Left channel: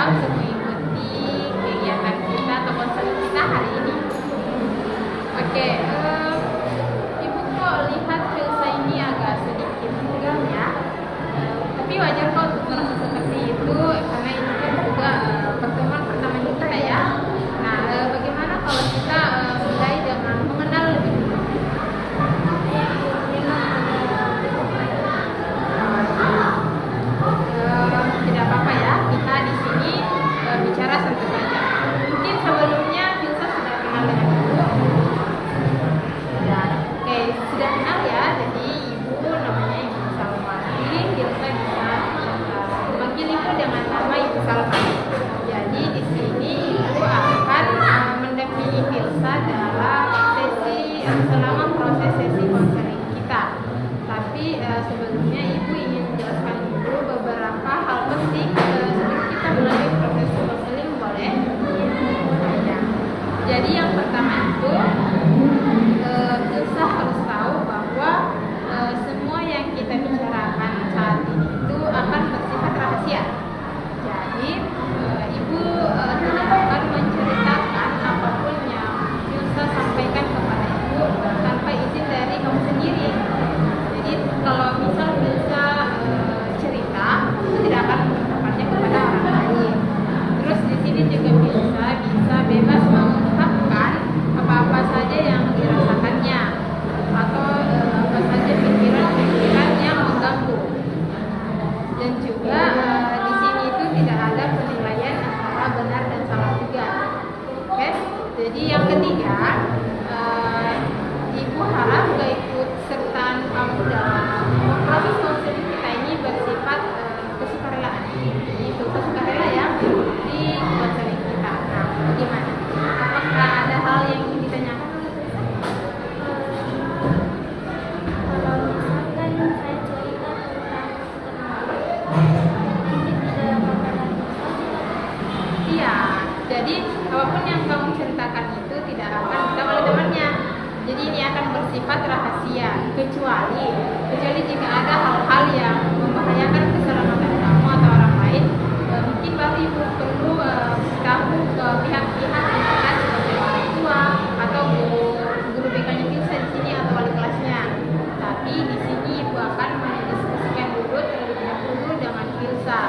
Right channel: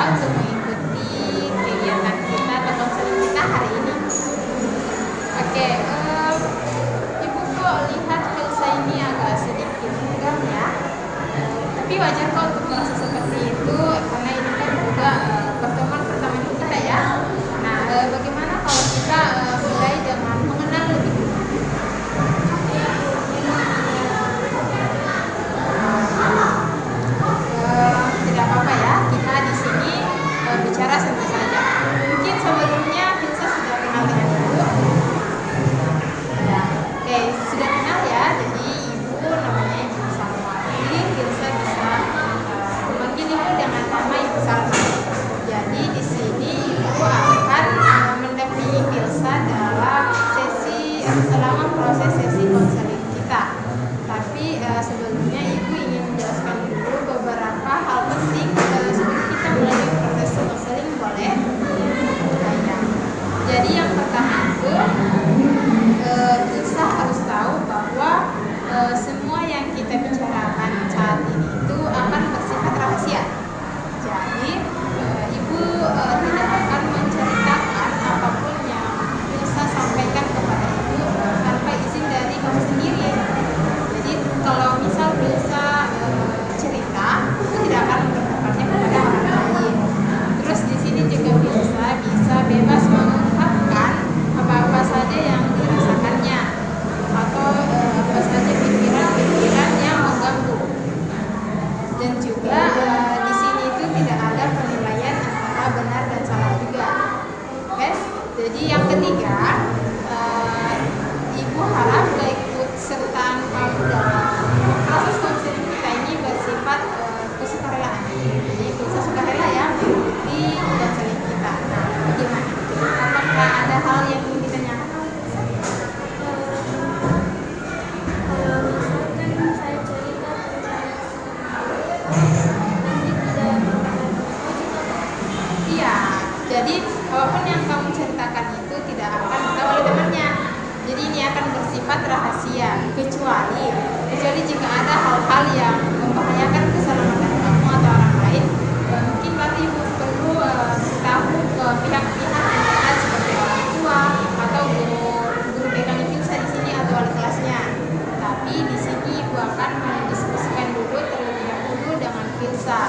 untuk mengikuti kegiatan kita atau konseling kita hari ini. Oke, Ibu kok lihat Filsa ini agak sedikit tegang ya? Tapi wajar kok untuk merasa seperti itu, karena ini kan juga pertemuan pertama kita ya. Nah, bagaimana kalau kita mulai dengan mengenal lebih dulu? Tidak apa-apa ya, kita di sini bicara santai saja. Mungkin sebelumnya Filsa sudah kenal dengan Ibu. Ya, oke, sudah kenal ya. Jadi Ibu namanya Ibu Salma. Jadi Filsa bisa memanggil Ibu dengan nama Ibu Salma. Jadi di sini Ibu akan mendampingi Filsa dalam sesi selama proses sesi konseling kita. Tapi sebelumnya Ibu ingin menjelaskan dulu beberapa hal penting sebelum kita mulai proses konseling, boleh? Baik. Jadi yang pertama itu Filsa harus tahu bahwa semua yang kita bicarakan saat ini itu akan bersifat rahasia. Jadi Ibu tidak akan menceritakan apapun yang Filsa sampaikan kepada Ibu tanpa izin dari kamu sendiri. Jadi kalau misal Filsa cerita, Ibu tidak akan menceritakannya kepada orang lain. Terus di sini juga Filsa bisa bebas mengungkapkan apa-apa saja yang dirasakannya atau apa saja pikiran-pikiran yang mengganggu. Dan juga di sini itu tidak ada penilaian antara benar dan salah juga. Oke? Jadi yang ketiga, Ibu harap keikutsertaan kamu dalam proses konseling kita ini bersifat kesukarelaan. Jadi Filsa sukarela ya mengikuti konseling kita. Nah, bagaimana? Apakah ada hal yang ingin ditanyakan oleh Filsa? Kalau misalkan saya cerita tentang nanti tidak bakalan Iya, jadi apapun yang kamu ceritakan itu tidak akan diketahui oleh temannya. Jadi ini akan bersifat rahasia, kecuali jika ada hal-hal yang membahayakan keselamatan kamu atau orang lain, mungkin baru Ibu perlu beritahu ke pihak-pihak yang terkait seperti orang tua atau guru BKM Filsa di sini atau wali kelasnya. Tapi di sini Ibu akan mendiskusikan dulu terlebih dahulu dengan Filsa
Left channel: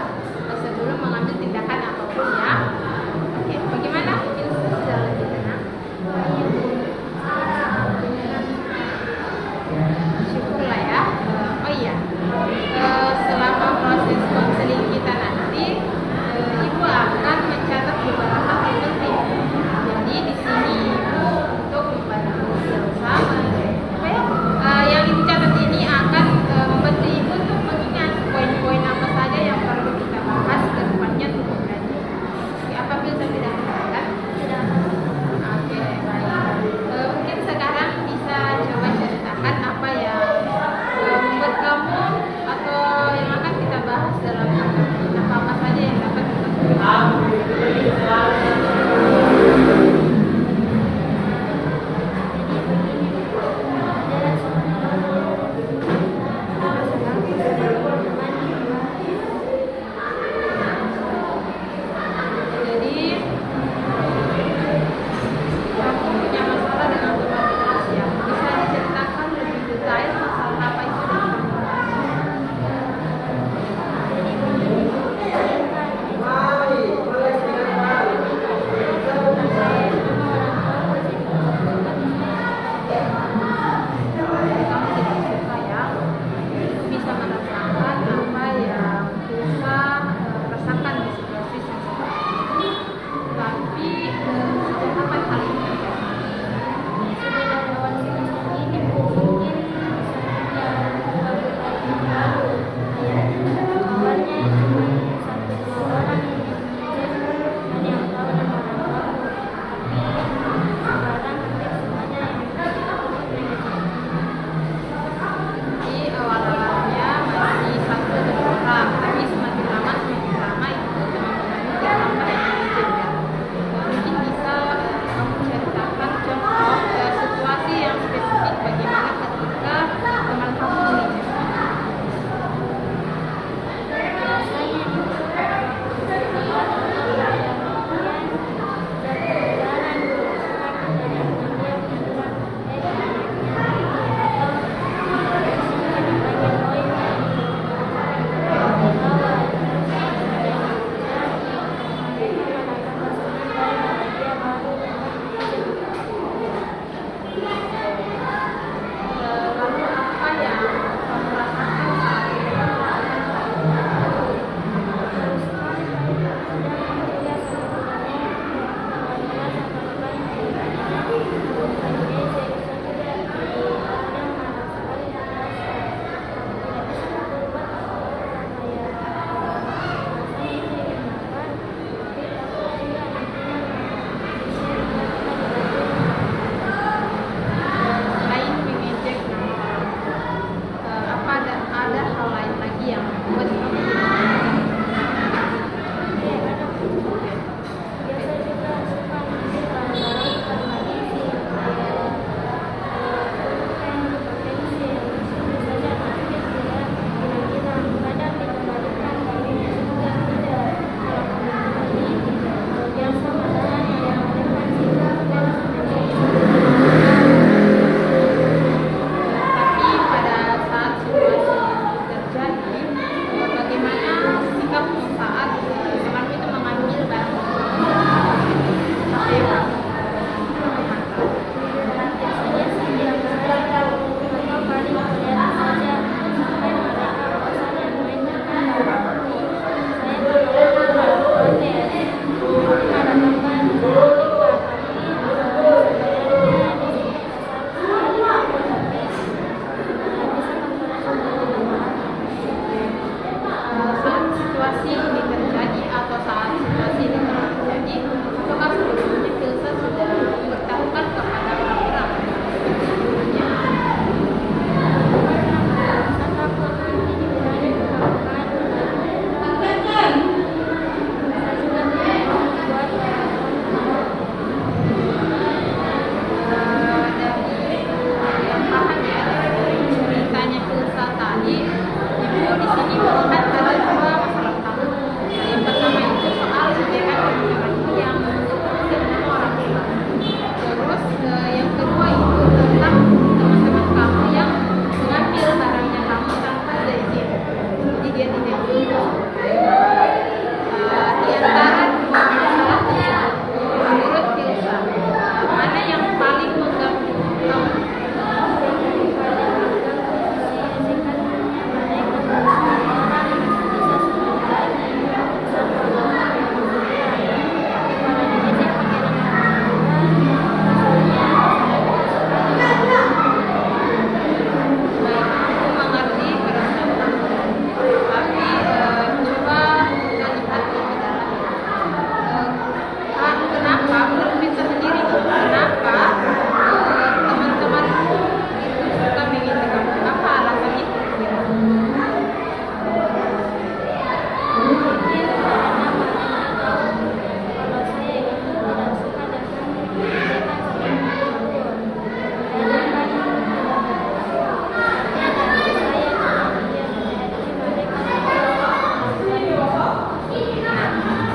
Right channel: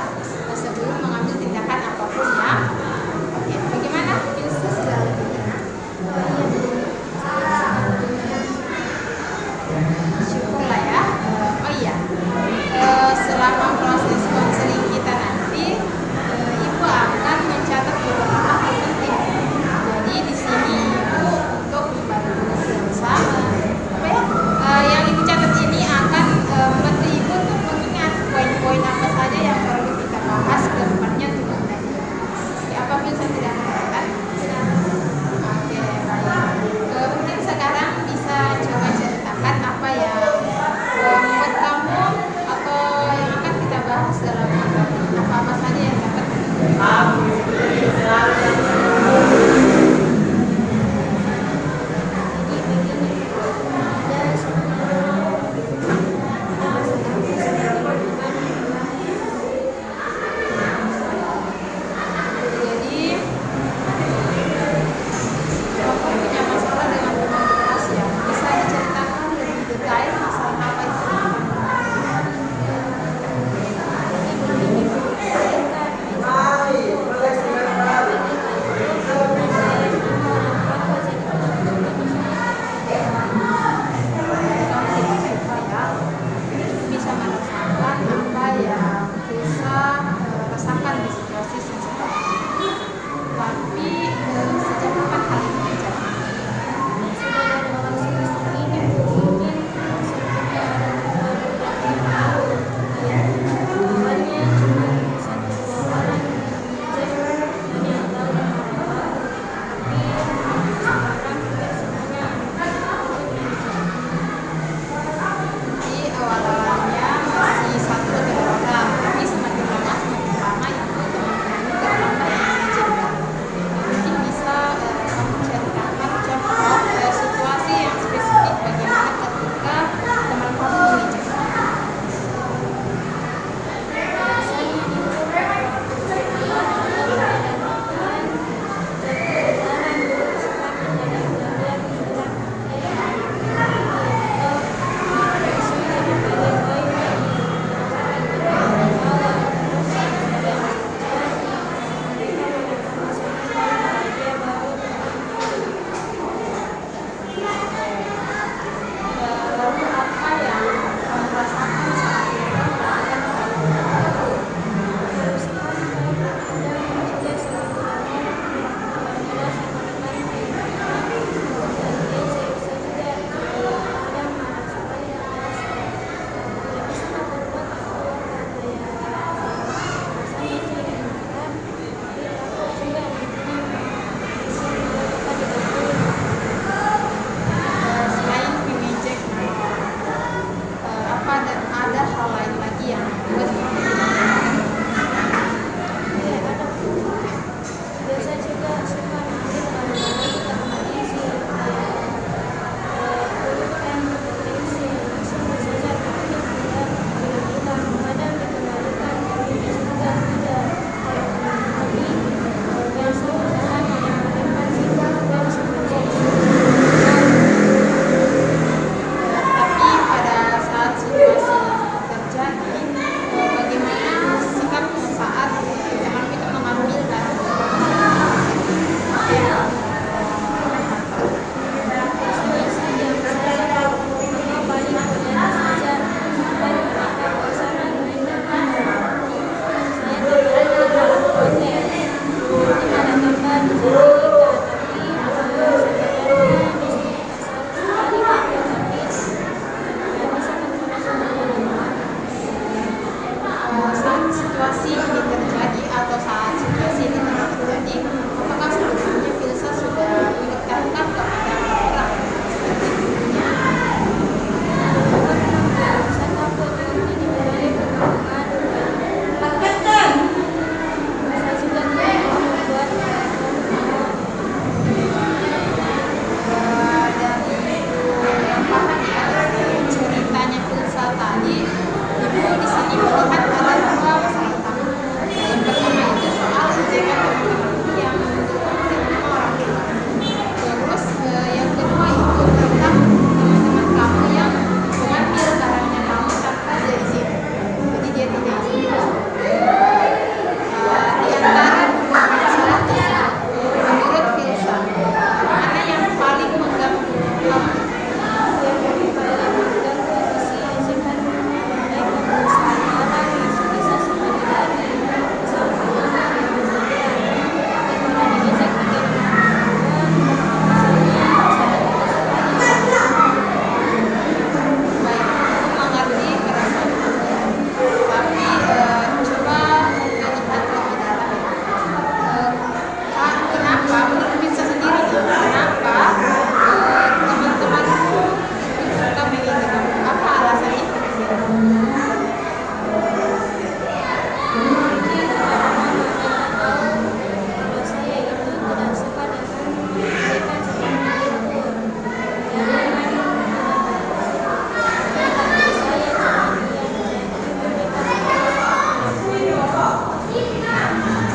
sebelum mengambil tindakan apapun ya. Oke, bagaimana Filsa sudah lebih tenang? Syukurlah ya. Oh iya, selama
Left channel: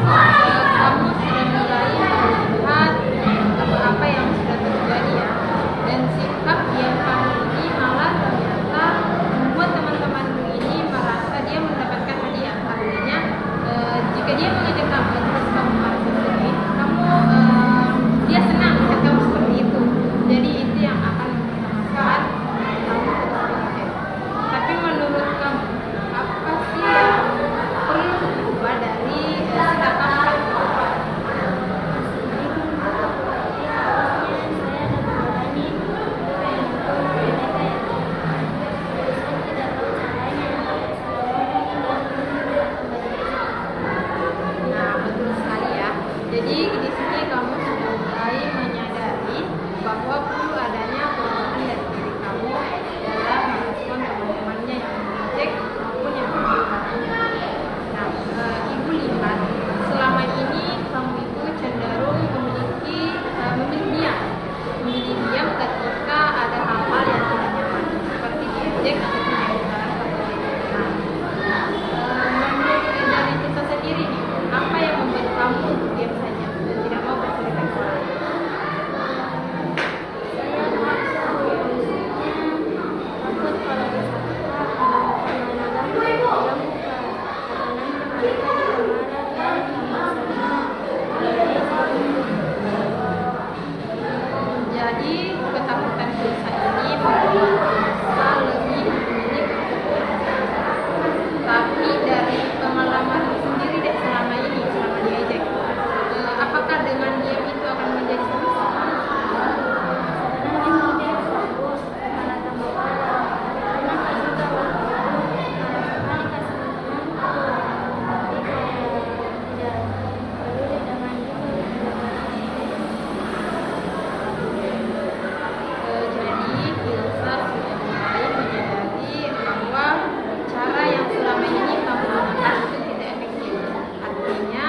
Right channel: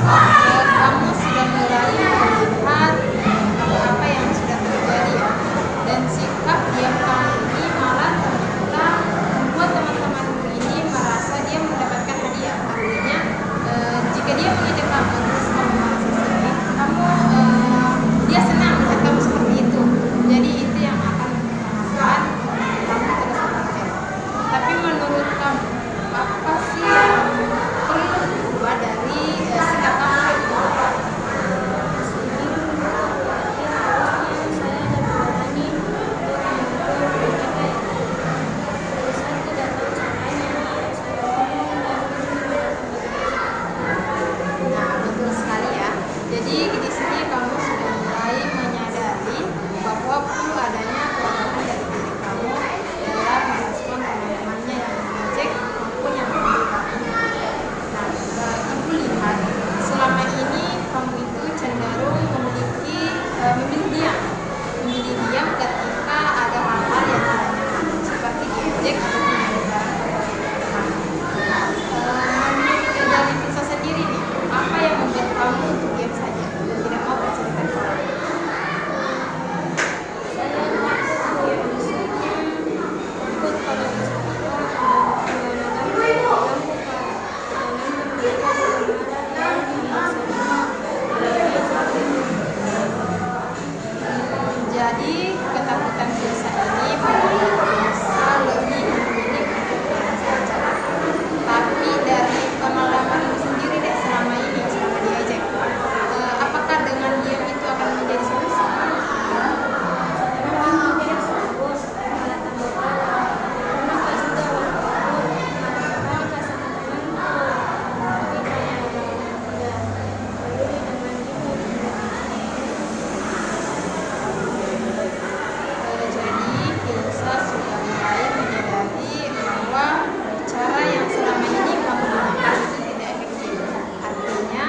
kamu sudah mulai melihat apa yang sudah terjadi ya, dan sikap diam kamu ini malah ternyata membuat teman-temanmu ini merasa dia mendapatkan hadiah. Artinya jika dia mengajak kamu terus kamu merasa sedih, dia senang melihat kamu seperti itu. Jadi itu yang akan mengutamakan kamu ke depannya. Tapi menurut kamu, apa sih yang perlu diubah dari sikap kamu? Nah, betul sekali ya. Jadi di sini kamu sudah mulai menyadari bahwa perlu adanya perubahan dari diri kamu dalam merespon teman-temannya yang mengejek maupun yang membuli. Nah, ibu lihat selama ini kamu itu cenderung memilih diam ketika ada hal-hal yang tidak nyaman seperti diejek atau menyebarkan teman. Menurut dari Fisa sendiri nih, apa yang membuat kamu untuk diam saja, tidak mau bercerita ke orang? Saya takut kalau dicerita karena ganggu kan. Karena nanti mereka juga marah dan tambah sering. Jadi ketakutan Fisa ini membuat Fisa lebih memilih untuk diam saja. Tapi dari pengalamanmu sendiri deh selama ini, selama diajak, apakah dengan diam itu akan menjadi solusi? Jadi Filsa sudah mulai menyadari bahwa cara yang selama ini kamu gunakan itu tidak efektif. Artinya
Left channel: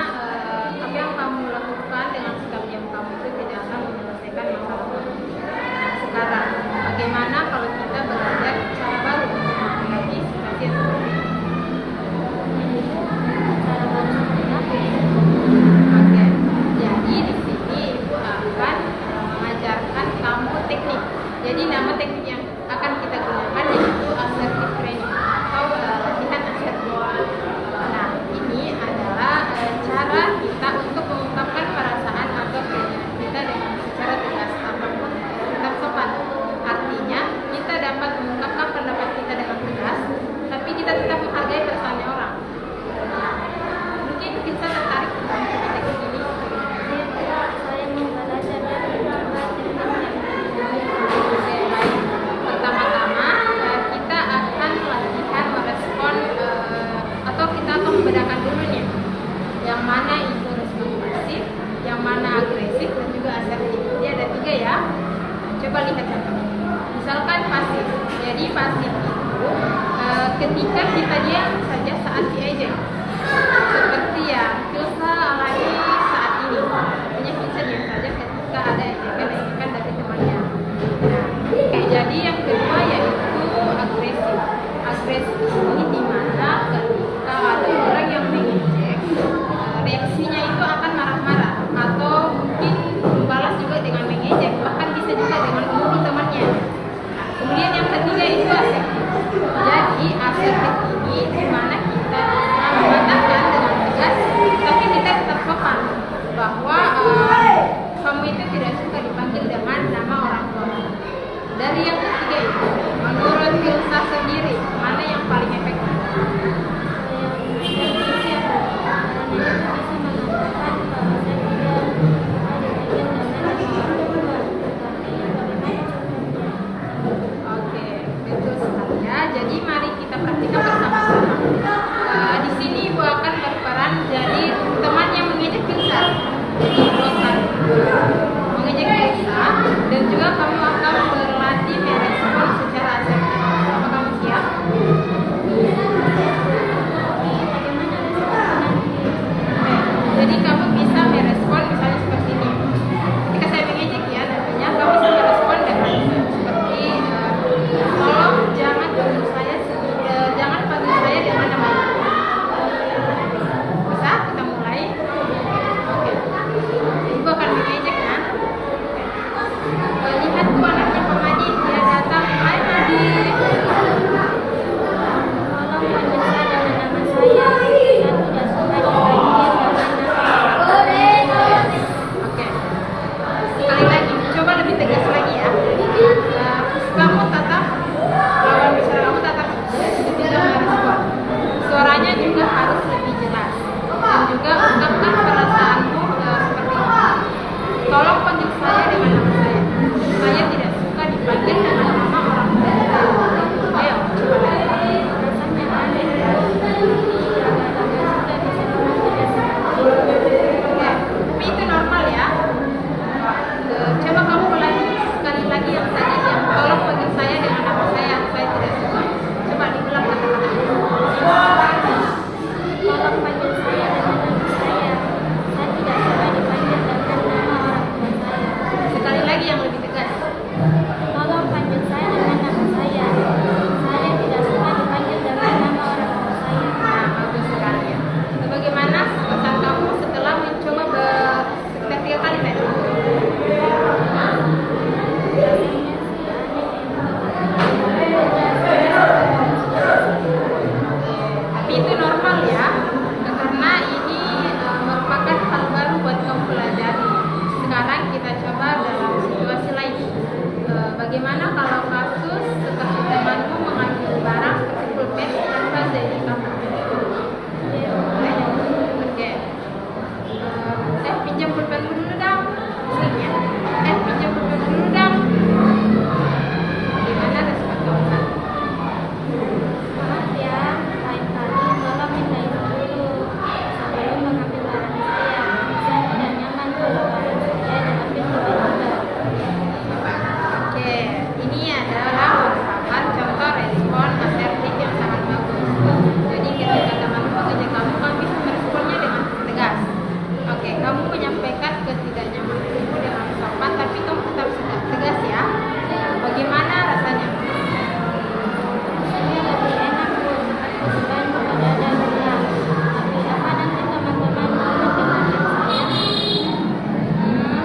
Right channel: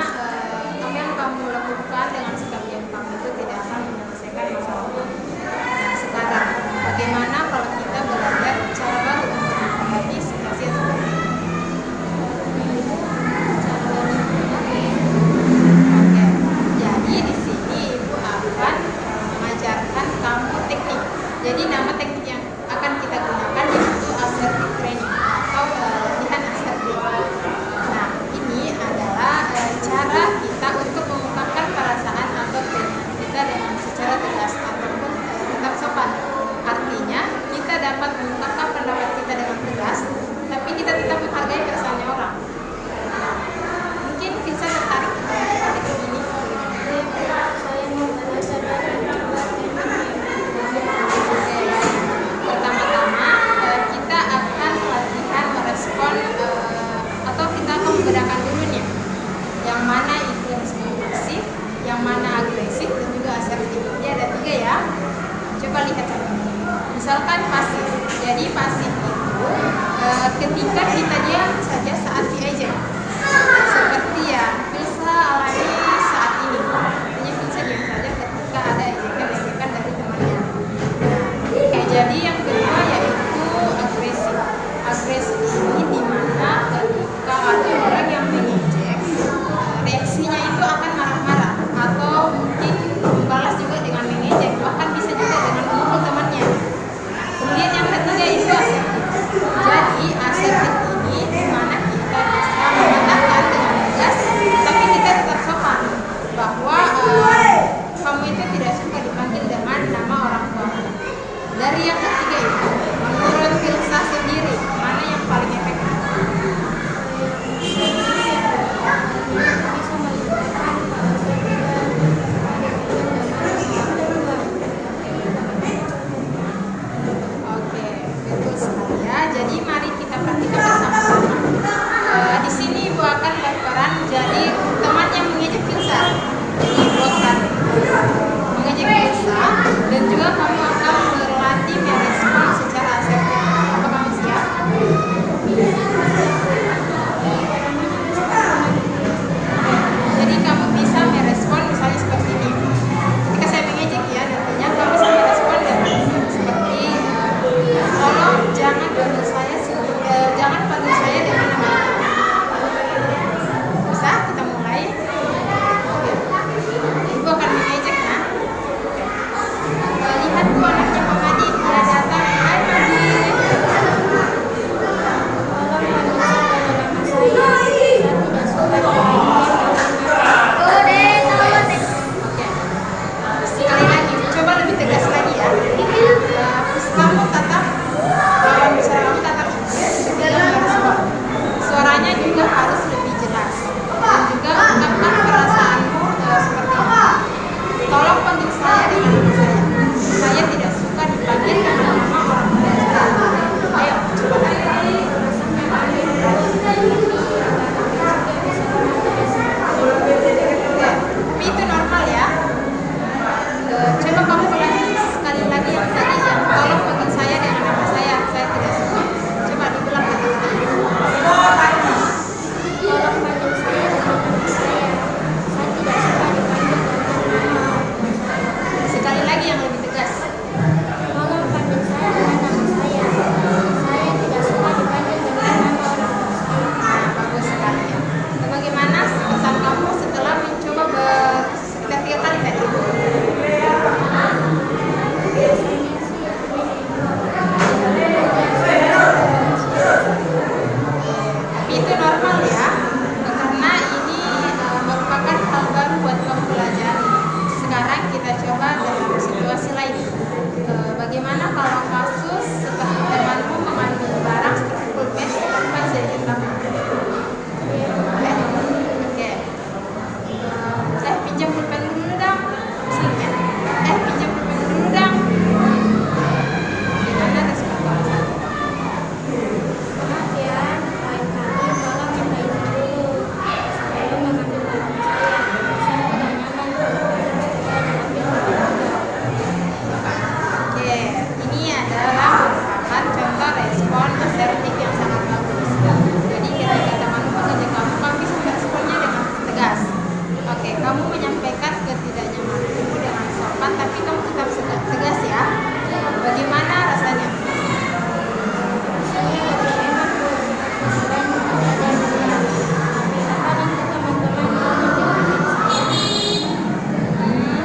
apa yang kamu lakukan dengan sikap diam kamu itu tidak akan menyelesaikan masalah kamu. Nah, sekarang bagaimana kalau kita belajar cara baru untuk menghadapi situasi yang seperti ini? Oke, jadi di sini ibu akan mengajarkan kamu teknik. Jadi nama teknik yang akan kita gunakan yaitu assertive training atau latihan asertif. Nah, ini adalah cara kita untuk mengungkapkan perasaan atau keinginan kita dengan secara tegas ataupun tetap sopan. Artinya kita dapat mengungkapkan pendapat kita dengan tegas, tapi kita tetap menghargai perasaannya orang. Nah, mungkin bisa tertarik untuk melakukan teknik ini. Saya mau belajar dan mencoba Pertama-tama kita akan latihan merespon atau kita akan membedakan dulu nih yang mana itu respon pasif, yang mana agresif dan juga asertif. Jadi ada 3 ya. Coba lihat contohnya. Misalkan pasif. Jadi pasif itu ketika kita diam saja saat diejek. Seperti yang Filsa alami saat ini. Artinya Filsa diam saja ketika ada ejekan dari temannya. Jadi yang kedua yaitu agresif. Agresif ini dimana ketika ada orang yang mengejek, reaksinya itu akan marah-marah atau mungkin balas juga dengan mengejek, bahkan bisa juga dengan memukul temannya. Kemudian yang ketiga itu asertif. Jadi asertif ini dimana kita bisa mengatakan dengan tegas, tapi kita buat kamu pelajari. Sekarang kita coba dalam situasi lain. Bagaimana kalau kasus seperti temanmu mengambil barang seperti pulpen tanpa izin kamu? Oke. Pinjam pulpen dulu dong. Sini. Pinjam pulpen dulu dong. Gimana respon kamu saat itu? Maaf ya, lain kali tolong minta izin dulu sebelum mengambil barang saya. Saya tidak nyaman kalau barang saya diambil keluarga. Oke, ini adalah merupakan contoh respon asertif yang sangat bagus. Jadi ketika temanmu mengajar kamu bisa meresponnya dengan tegas. Oke, kamu menyampaikan ketidaknyamanmu dengan sopan, tapi kamu tetap tegas ya. Bagaimana rasanya? Rasanya lebih enak Bu, seperti selain tidak ada dendam. Tapi apa nanti teman-teman mau mendengarkan saya?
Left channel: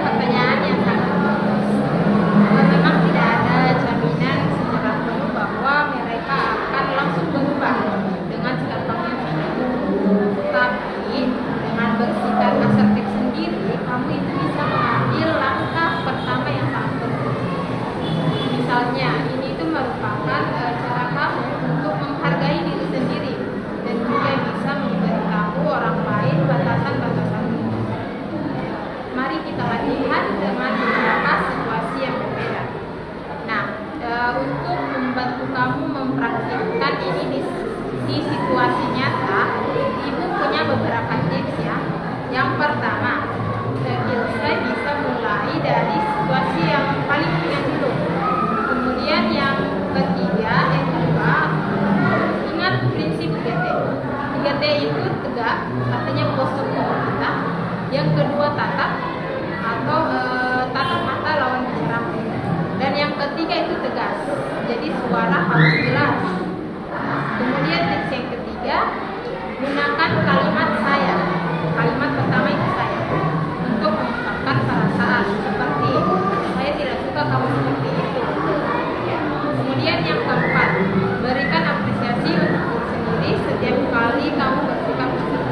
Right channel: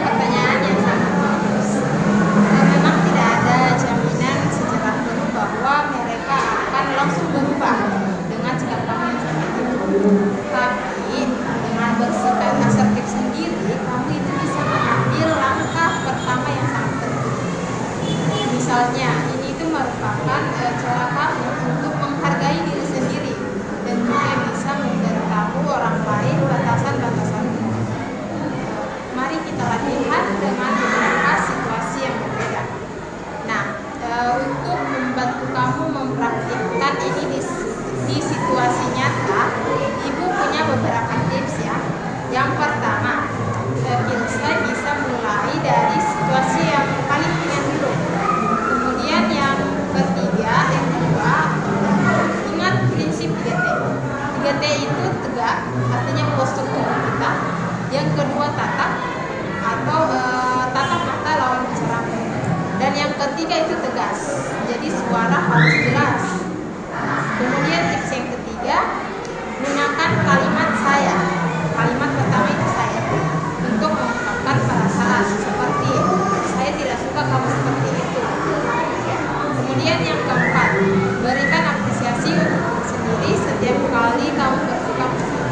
Pertanyaan yang sangat bagus. Memang tidak ada jaminan secara penuh bahwa mereka akan langsung berubah dengan sikap kamu yang seperti itu. Tapi dengan bersikap asertif sendiri, kamu itu bisa mengambil langkah pertama yang sangat penting. Misalnya, ini itu merupakan cara kamu untuk menghargai diri sendiri dan juga bisa memberitahu orang lain batasan-batasanmu. Mari kita latihan dengan beberapa situasi yang berbeda. Nah, untuk membantu kamu mempraktikkan ini di situasi nyata, Ibu punya beberapa tips ya. Yang pertama, kita bisa mulai dari situasi yang paling ringan dulu. Kemudian yang kedua, ingat prinsip 3T. 3T itu tegak, artinya postur tubuh kita. Yang kedua, tatap atau tatap mata lawan bicara. Dan yang ketiga itu tegas, jadi suara harus jelas. Kemudian tips yang ketiga, gunakan kalimat saya. Kalimat pertama itu saya untuk mengungkapkan perasaan seperti saya tidak suka kamu seperti itu. Kemudian yang keempat, berikan apresiasi untuk diri sendiri setiap kali kamu bersikap positif.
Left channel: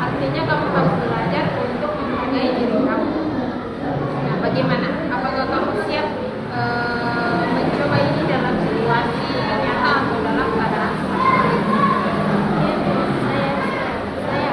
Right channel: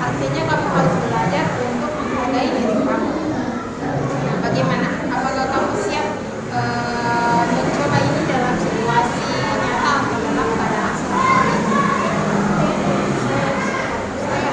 Artinya kamu harus belajar untuk menghargai diri kamu. Nah, bagaimana? Apakah kamu siap mencoba ini dalam situasi nyata atau dalam keadaan seperti ini? Saya siap. Saya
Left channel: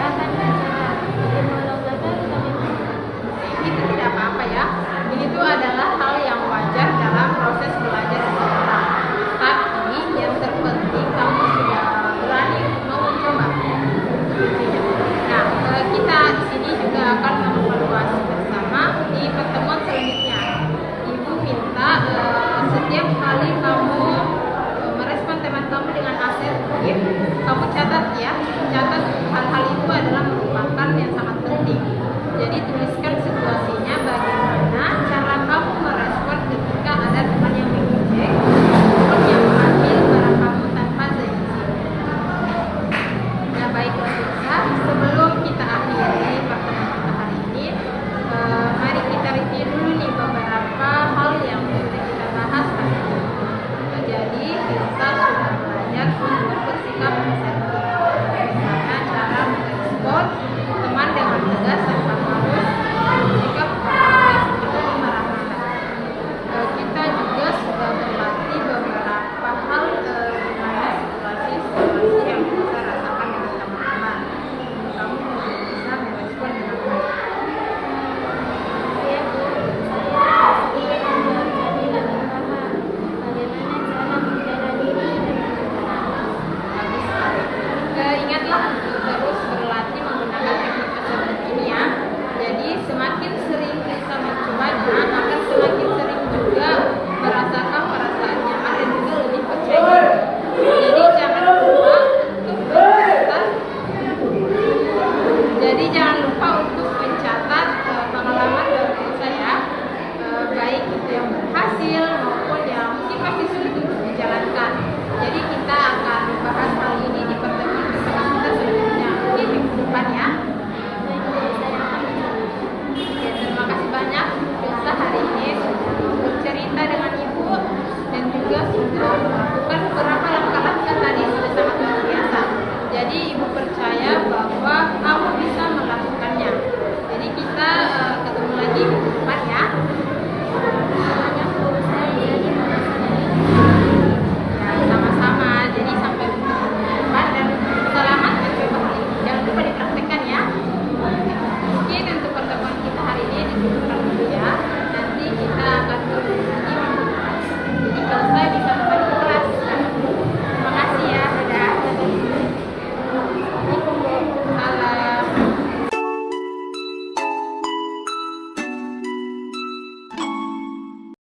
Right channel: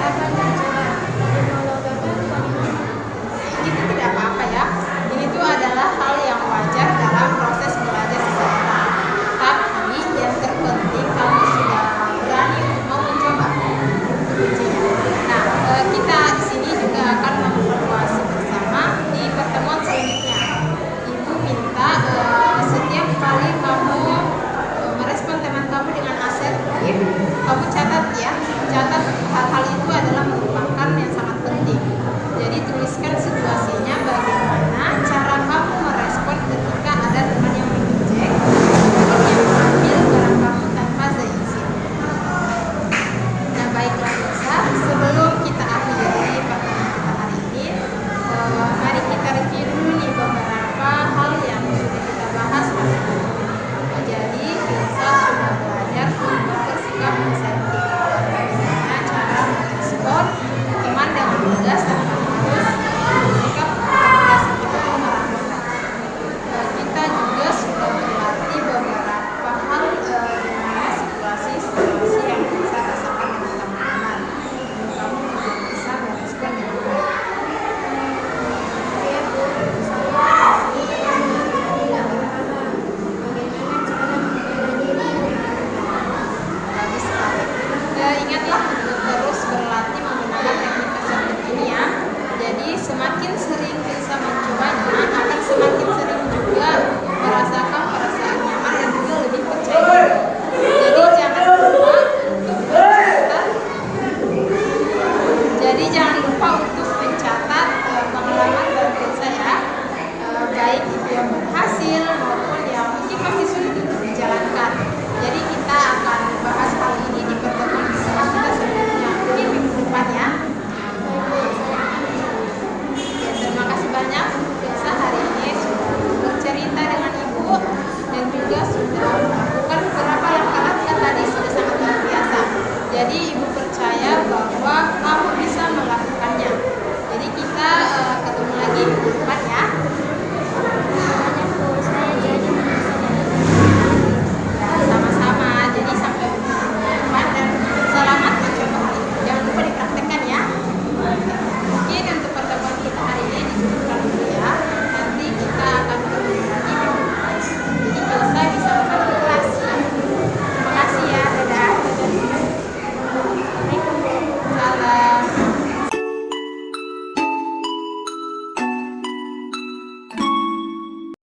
ini